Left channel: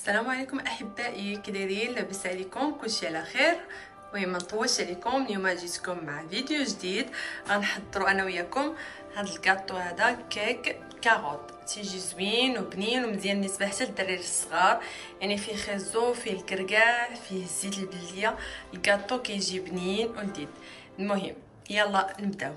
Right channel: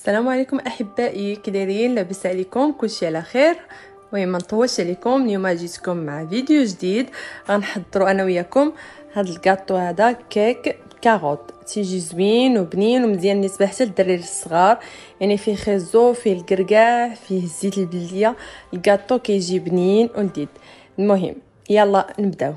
السلام عليكم احبائي، كي دايرين؟ لاباس عليكم؟ كلشي على خير. المهم ما نطولش عليكم، اليوم جيتكم مع فيديو جديد. غنحضروا انا وياكم هاد الكاطو هذا كيك كاروط، تيجي زوين وبنين ومزيان بالنسبه حتى للدراري الصغار. يعني فيه خيزو، فيه الكركاع، فيه الزيت البلديه. الكاطو كيجي بنين ولذيذ. المهم يلا نبداو.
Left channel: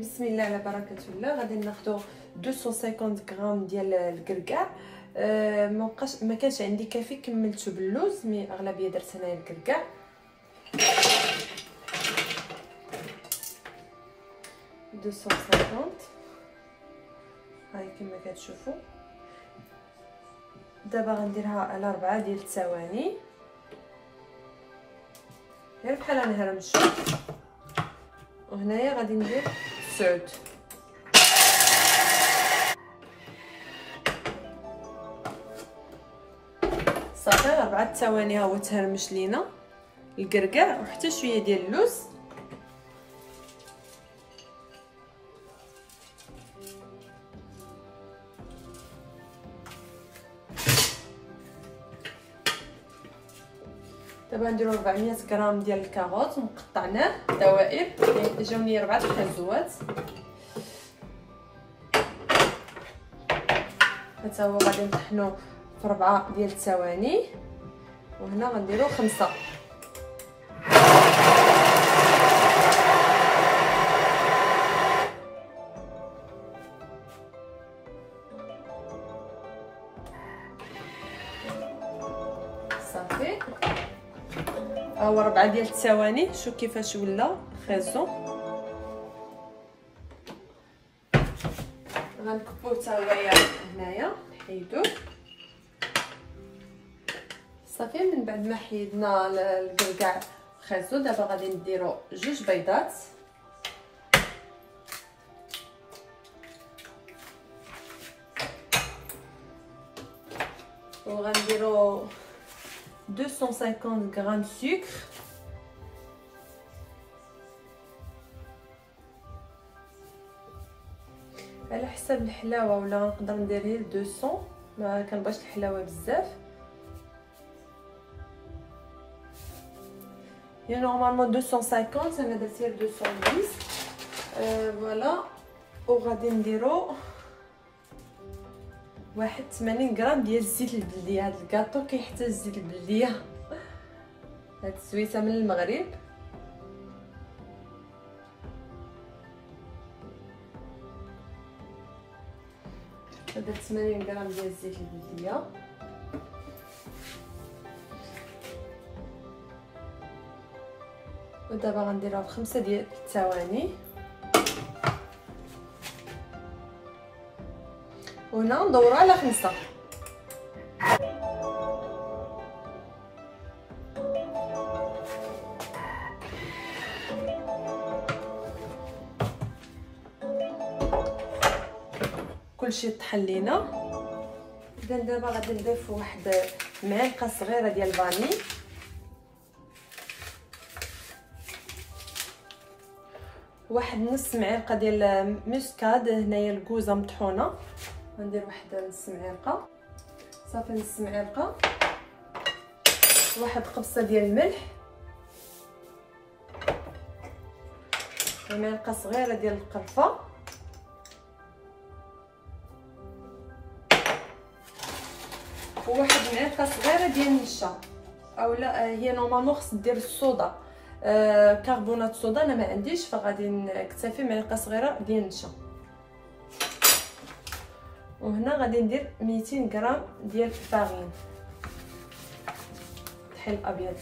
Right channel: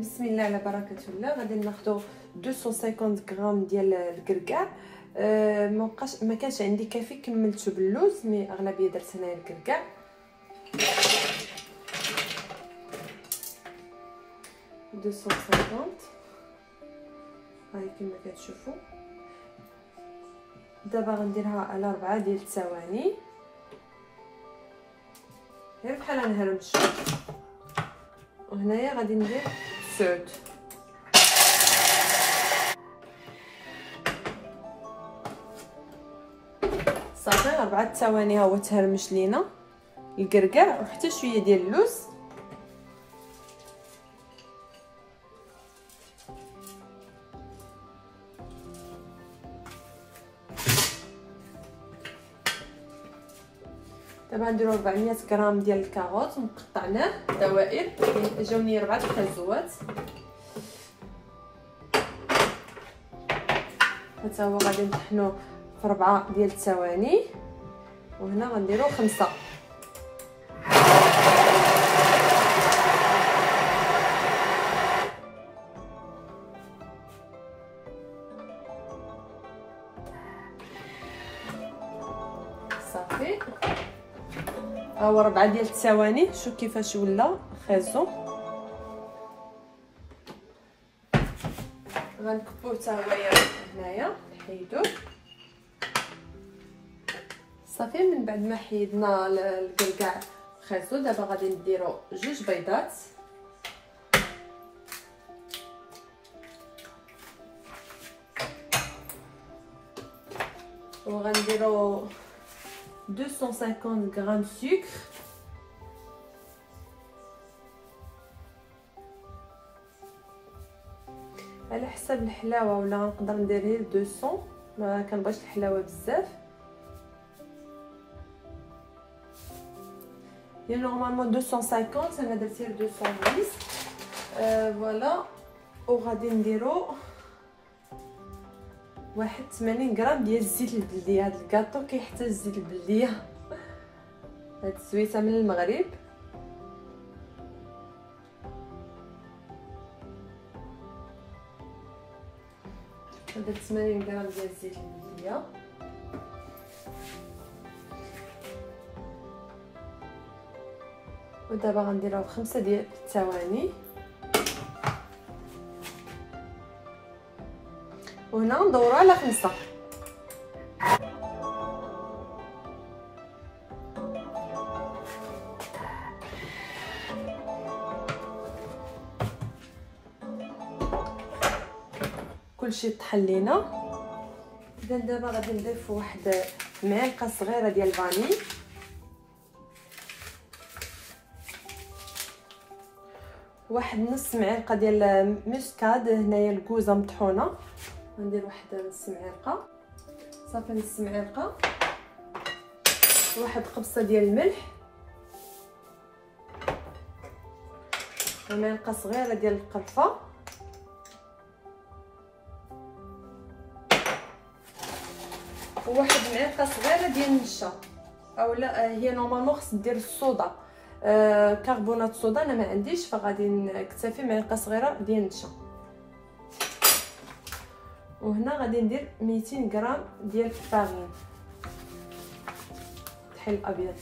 بسم الله على بركه الله. غادي ناخذ 250 غرام ديال الكركاع. ما كانش عندي كافي، كملته باللوز، مي اغلبيه درت هنايا الكركاع. هاي كما كتشوفوا. دابا غنديرها على 4 ديال الثواني، غير بحال نهرمشو. وهنايا غادي ندير سعود. صافي 4 ثواني ها هو تهرمش لينا الكركاع وحتى شويه ديال اللوز. دابا نديرو 400 غرام ديال الكاروط مقطعناه دوائر، جاوني 4 خيزوات. حتى هو غادي نطحنوه في 4 ديال الثواني، وهنا غنديرو 5. صافي ها هو 4 ديال الثواني. شوف كيفاش ولا خيزو. غنكبوه حتى هو هنايا، نحيدوه. صافي من بعد ما حيدنا الكركاع خيزو، دابا غادي نديرو 2 بيضات. وغنديرو 250 غرام سكر. على حسب الحلاوه، ولا نقدر ندير غير 200، ما كنبغيش الحلاوه بزاف. هي نورمالمون 250، انا درت غير 210. فوالا. وغادي نديرو 81 غرام ديال الزيت البلديه. هذا الكاطو كيحتاج الزيت البلديه، هاد السويته من المغرب. درت 80 غرام ديال الزيت البلديه. ودابا غنديرها في 5 ديال الثواني. وهنا ندورو على 5. كلشي طحن لينا. اذا دابا غادي نضيف واحد معلقه صغيره ديال الفاني، واحد نص معلقه ديال مسكاد. هنايا الكوزه مطحونه، غندير واحد نص معلقه. صافي نص معلقه. واحد قبصه ديال الملح، ومعلقه صغيره ديال القرفه، وواحد معلقه صغيره ديال النشا. اولا هي نورمالمون خص دير الصودا، كربونات صودا انا ما عنديش، فغادي نكتفي معلقه صغيره ديال النشا. وهنا غادي ندير 200 غرام ديال الفارين طحين الابيض.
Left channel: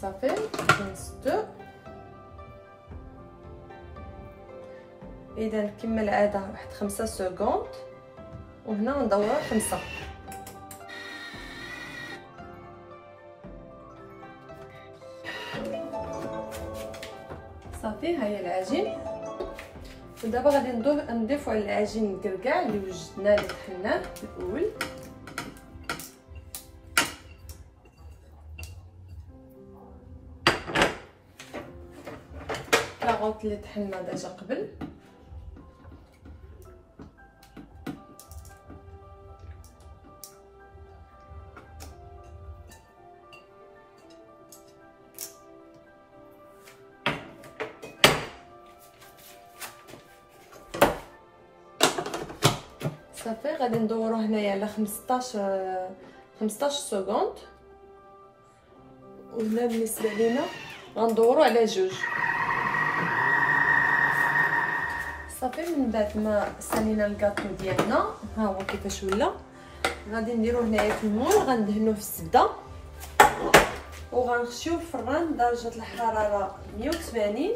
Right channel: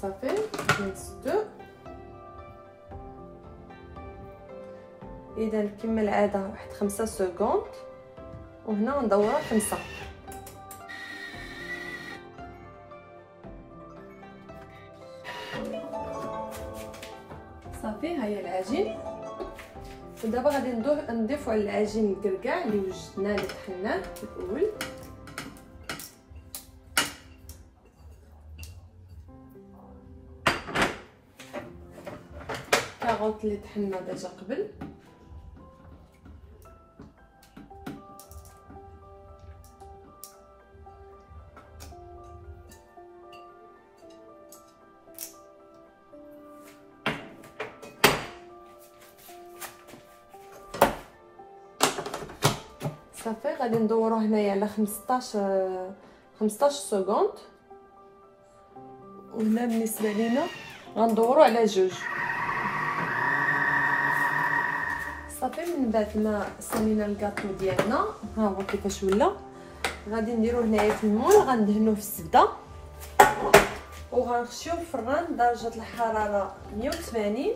صافي نسدو. اذا كما العاده واحد 5 سكوند وهنا ندورو 5. صافي ها هي العجين. ودابا غادي نضيفو على العجين الكركاع اللي وجدناه اللي طحناه في الاول. كاروط اللي طحنا ديجا قبل. صافي غادي ندورو هنايا على 15 سكوند، وهنا بالنسبه لينا غندورو على 2. صافي من بعد ما سالينا الكاطو ديالنا ها هو كيفاش ولا. غادي نديرو هنايا في المول، غندهنوه في الزبده وغنخشيوه في الفران درجه الحراره 180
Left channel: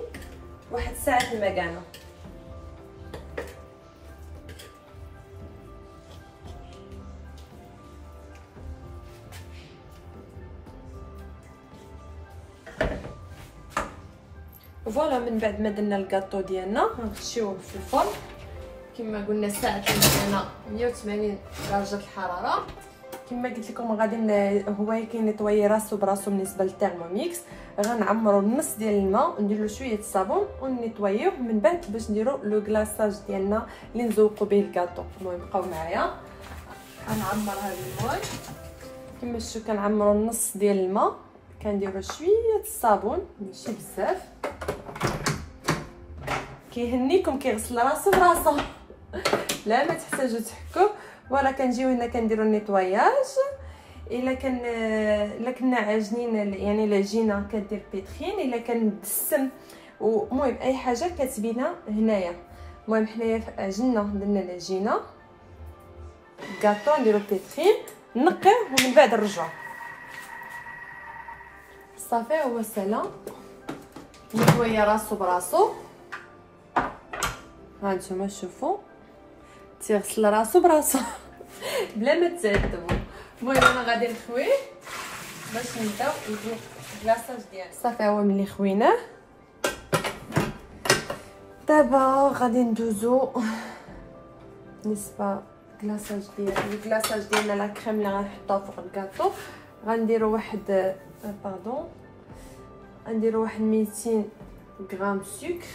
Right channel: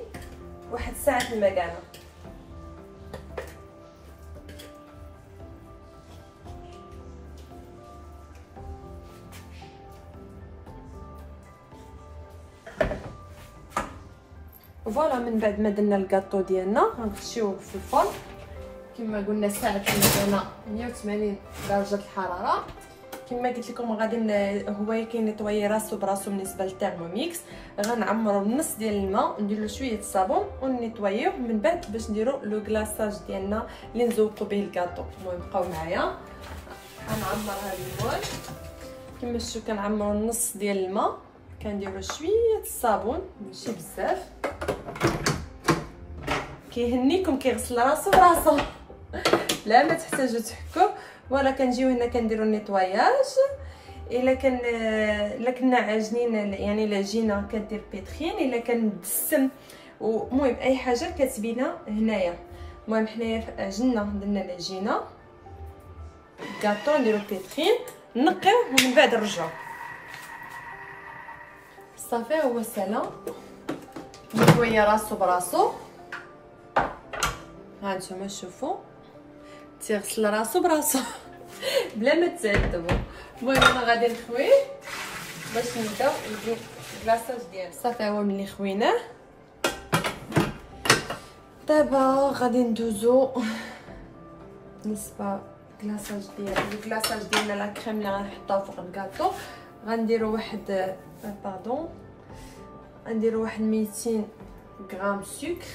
واحد ساعه في المكانه. فوالا من بعد ما درنا الكاطو ديالنا غنخشيوه في الفرن كما قلنا ساعه المكانه 180 درجه الحراره. كما قلت لكم غادي هو كينيطوي راسو براسو بالنسبه للتيرموميكس. غنعمرو النص ديال الماء وندير له شويه الصابون ونيطويوه من بعد باش نديرو لو كلاصاج ديالنا اللي نزوقو به الكاطو. المهم بقاو معايا. غنعمر هذا البول كما شفتوا، كنعمرو النص ديال الماء، كنديرو شويه الصابون ماشي بزاف، كيهنيكم كيغسل راسو براسو لا ما تحتاجوا تحكوا. ولا كنجيو هنا كنديروا النيطواياج. الا كنا عاجنين يعني العجينه كدير بيتخين، الا كان مدسم ومهم اي حاجه كتبينا هنايا. المهم حنايا عجننا درنا العجينه كاطو نديرو بيتخين نقيو ومن بعد نرجعو. صافي هو سالا نيطويا راسو براسو. هانتوما شوفوا تيغسل راسو براسو بلا ما تعذبوا. المهم انا غادي نخويه باش نبداو ندير الكلاصاج ديالو. صافي هو ملي خويناه دابا غادي ندوزو بالنسبه الكلاصاج ديالنا لا كريم اللي غنحطها فوق الكاطو. غنديرو واحد غنديرو واحد 200 غرام سكر،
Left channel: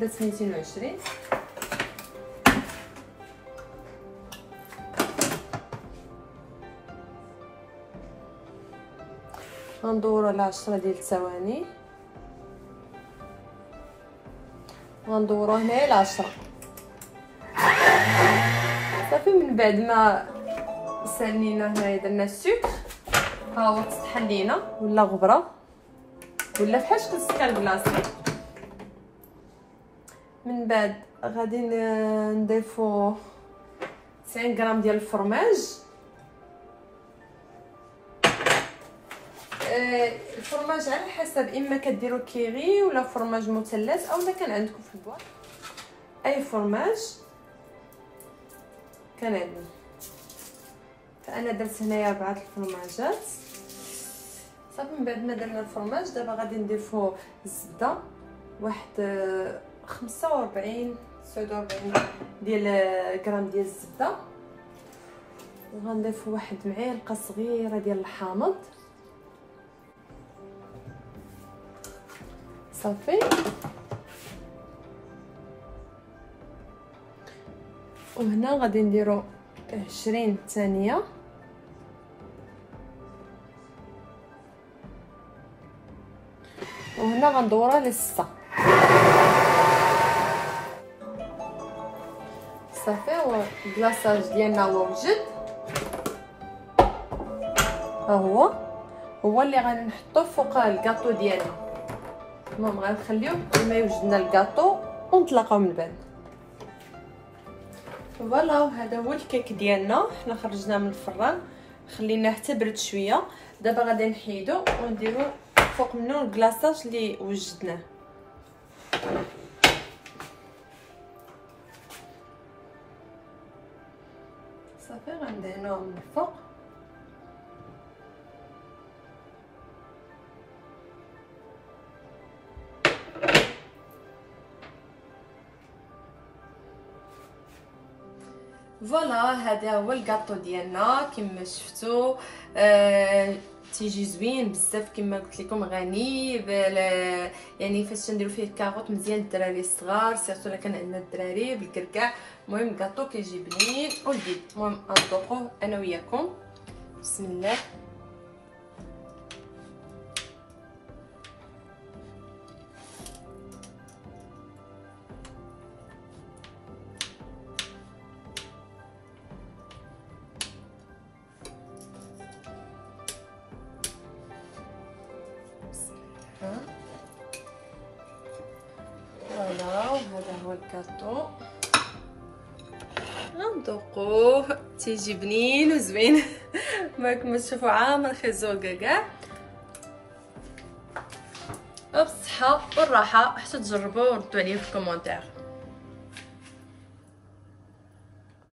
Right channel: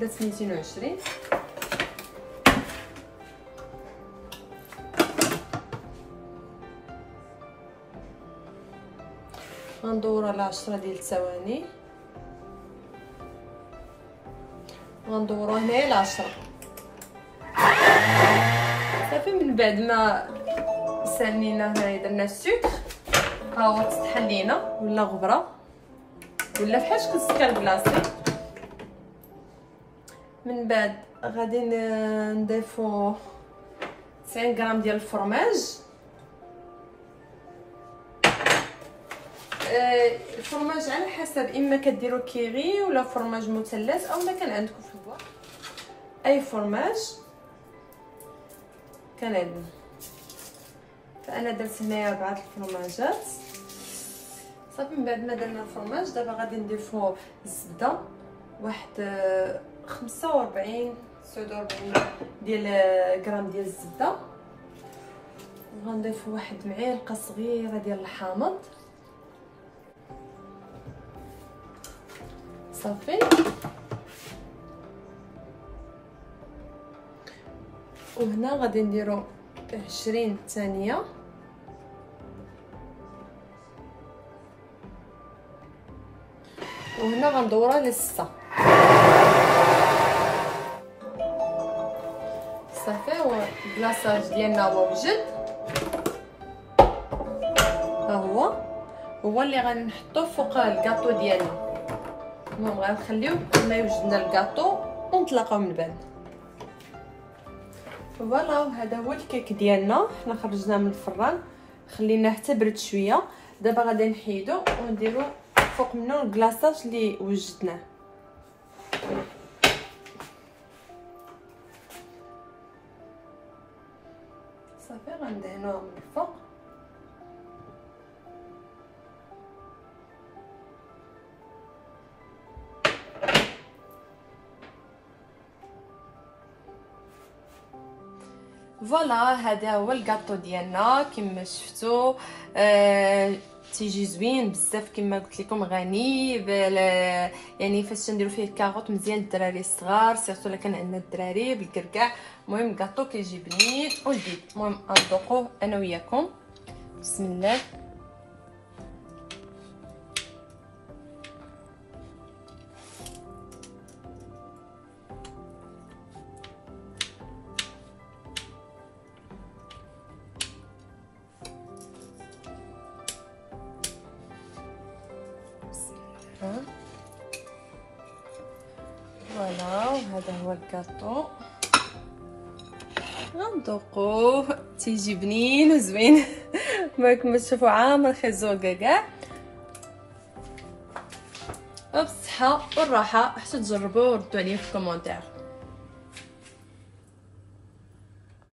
درت 220. غندورو على 10 ديال الثواني، غندورو هنايا على 10. صافي من بعد ما سالينا هنايا درنا السكر ها هو تطحن لينا ولا غبره ولا فحال شكون السكر بلاصتو. من بعد غادي نضيفو 90 غرام ديال الفرماج. الفرماج على حسب، اما كديروا كيري ولا فرماج مثلث او ما كان عندكم في البواط اي فرماج كان عندنا. فانا درت هنايا 4 الفرماجات. صافي من بعد ما درنا الفرماج دابا غادي نضيفو الزبده واحد 45 49 ديال غرام ديال الزبده، وغنضيف واحد معلقه صغيره ديال الحامض. صافي وهنا غادي نديرو 20 ثانيه وهنا غندورها ل6. صافي هو الكلاصاج ديالنا هو وجد. ها هو اللي غادي نحطوه فوق الكاطو ديالنا. المهم غنخليوه كما يوجدنا الكاطو ونطلقوه من بعد. فوالا هذا هو الكيك ديالنا. حنا خرجناه من الفران خليناه حتى برد شويه. دابا غادي نحيدو ونديرو فوق منه الكلاصاج اللي وجدناه. صافي غندهنوه من الفوق. فوالا هذا هو الكاطو ديالنا كما شفتوا. تيجي زوين بزاف كما قلت لكم، غني يعني فاش تنديروا فيه الكاروط مزيان للدراري الصغار، سيرتو الا كان عندنا الدراري بالكركاع. المهم الكاطو كيجي بنين ولذيذ. المهم نذوقوه انا وياكم. بسم الله. فوالا وهذا هو الكاطو، غنذوقوه تيجي بنين وزوين. كما تشوفوا عامر خيزو كاع. وبالصحه والراحه، حتى تجربوه وردوا عليا في الكومونتير.